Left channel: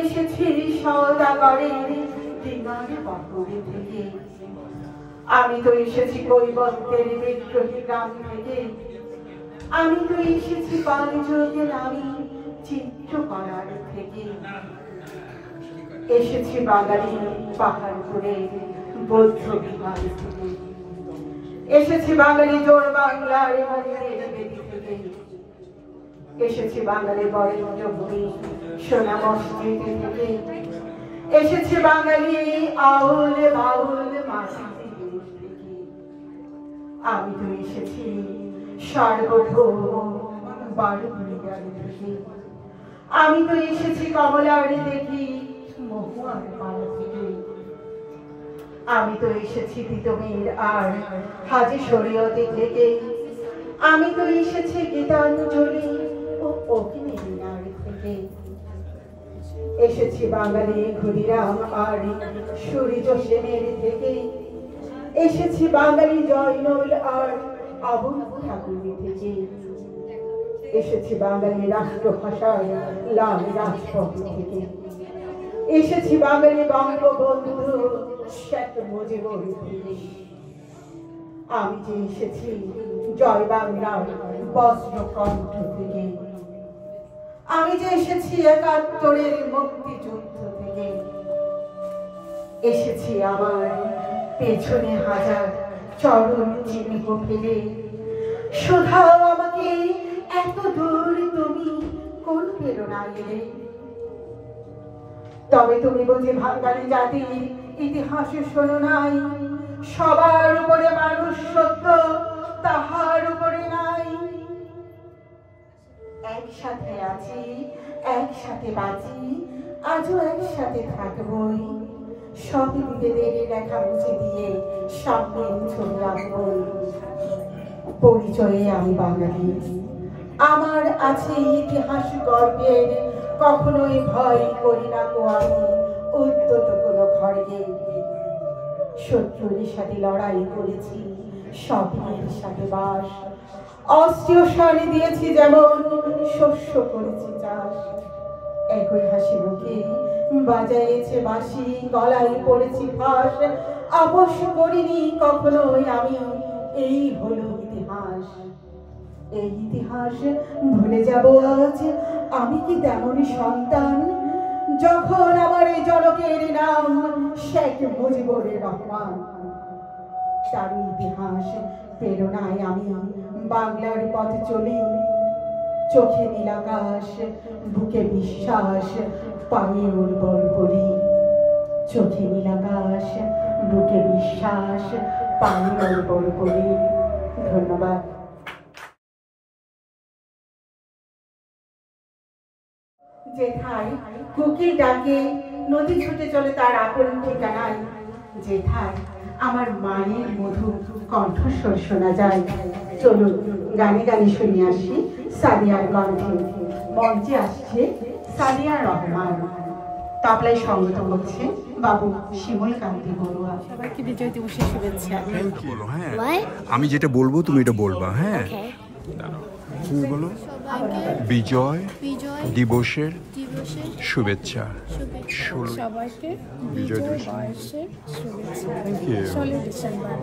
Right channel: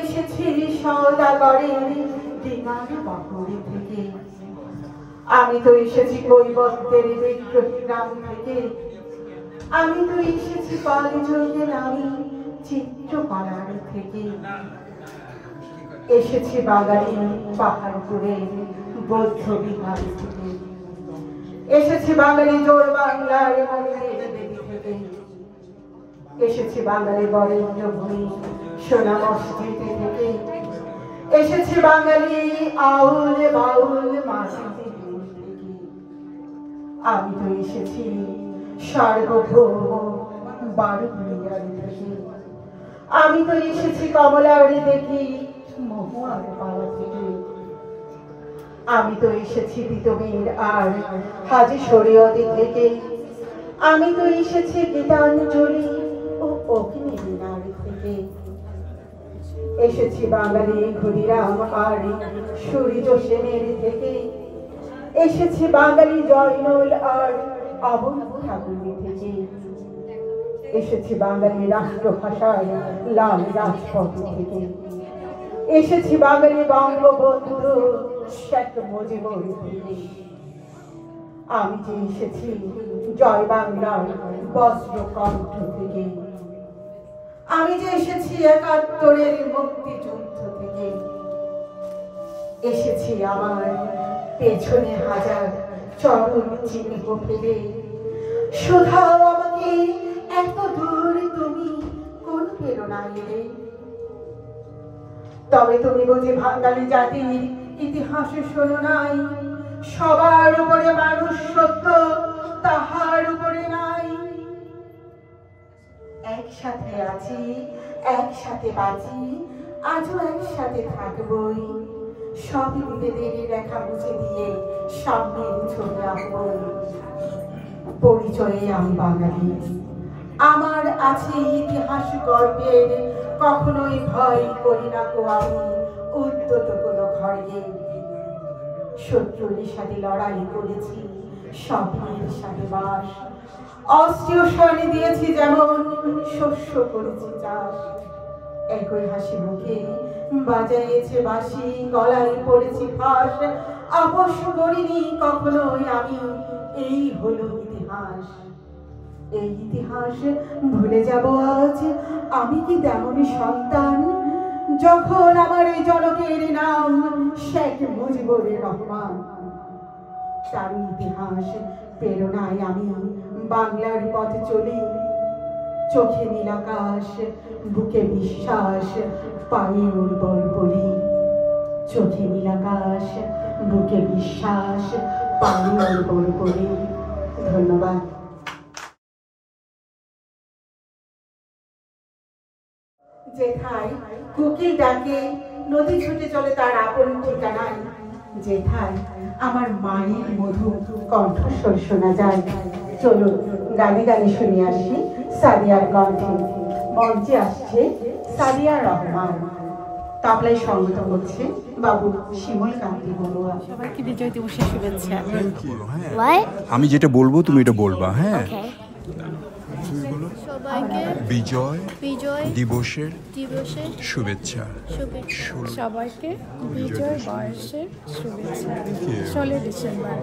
এসেছি সওদাগরের দিনার বহরে থেকে, আমি তো এসেছি কৈবর্তের বিদ্রোহী গ্রাম থেকে, আমি তো এসেছি বালজয়ীর আমি চিত্রকলার থেকে, এসেছি বাঙালি পাহাড়পুরের বৌদ্ধ বিহার থেকে, এসেছি বাঙালি জোর বাংলার মন্দির থেকে, এসেছি বাঙালি বরেণ্য ভূমি সোনা মসজিদ থেকে, এসেছি বাঙালি আউল বাউল মাটি থেকে, আমি তো এসেছি সার্বভৌম বারুইয়ার থেকে, আমি তো এসেছি কমলার দেখি মহুয়ার পাড়া থেকে, আমি তো এসেছি তিতমির আর হাজি শরীয়তি থেকে, আমি তো এসেছি গীতাঞ্জলি ও অগ্নিনার থেকে, এসেছি বাঙালি ক্ষুদিরাম আর সূর্য সেনের থেকে, এসেছি বাঙালি জয়নুল আর অবন ঠাকুর থেকে, এসেছি বাঙালি রাষ্ট্রভাষার লাল রাজপথ থেকে, এসেছি বাঙালি বঙ্গবন্ধু শেখ মুজিবুর থেকে, আমি যে এসেছি জয় বাংলার বজ্রকণ্ঠ থেকে, আমি যে এসেছি ৭১-এর মুক্তিযুদ্ধ থেকে, এসেছি আমার পেছনে হাজার চরণ চিহ্ন ফেলে, শোধাও আমাকে এত দূর তুমি কোন প্রেরণা এলে, তবে তুমি বুঝি বাঙালি জাতির ইতিহাসে শোনো নাই, সবার উপরে মানুষ সত্য তাহার উপরে নাই, একসাথে আছি একসাথে বাঁচি আজও একসাথে থাকবই, সব বিভেদের রেখা মুছে দিয়ে সামনের ছবি আঁকবই, পরিচয়ে আমি বাঙালি, আমার আছে ইতিহাস গর্বের, কখনোই ভয় করি না কো আমি উদ্যত কোনো খড়গে, শত্রুর সাথে লড়াই করেছি স্বপ্নের সাথে বাস, অস্ত্রীয় স্বরে দিয়েছি যেমন শস্য করেছি চাষ, একই হাসি মুখে বাজাইছে বাঁশি গলায় পড়েছি ফাঁস, আপোষ করিনি কখনোই আমি, এই হলো ইতিহাস, এই ইতিহাস ভুলে যাব আজ আমি কি তেমনই সন্তান, যখন আমার এই জনকের নাম শেখ মুজিবুর রহমান, তার ইতিহাস প্রেরণায় আমি বাংলার পথে চলি, চোখে নীল আকাশ বুকে বিশ্বাস পায়ে উর্বর করি, চোখে নীল আকাশ বুকে বিশ্বাস পায়ে উর্বর করি। ধন্যবাদ। যেথায় কোকিল ডাকে নদী ছুটে চলে তার আপন ঠিকানায়, যেথায় আমার মায়ের মধুর কণ্ঠস্বর শোনা যায়, চলুন গানে গানে শুনে আসি সাদিয়ার কণ্ঠে। মঞ্চে আসছে সাদিয়া রহমান, তবলায় সঙ্গীত করছে বাবু শিমুল কান্তি বড়ুয়া। সবাইকে বিজয় দিবসের শুভেচ্ছা। আমি যেটা বলবো তুমি এটা বলবা, হ্যাঁ? বলো বিজয় দিবসের শুভেচ্ছা। সবাইকে বিজয় দিবসের শুভেচ্ছা। 16 ডিসেম্বর।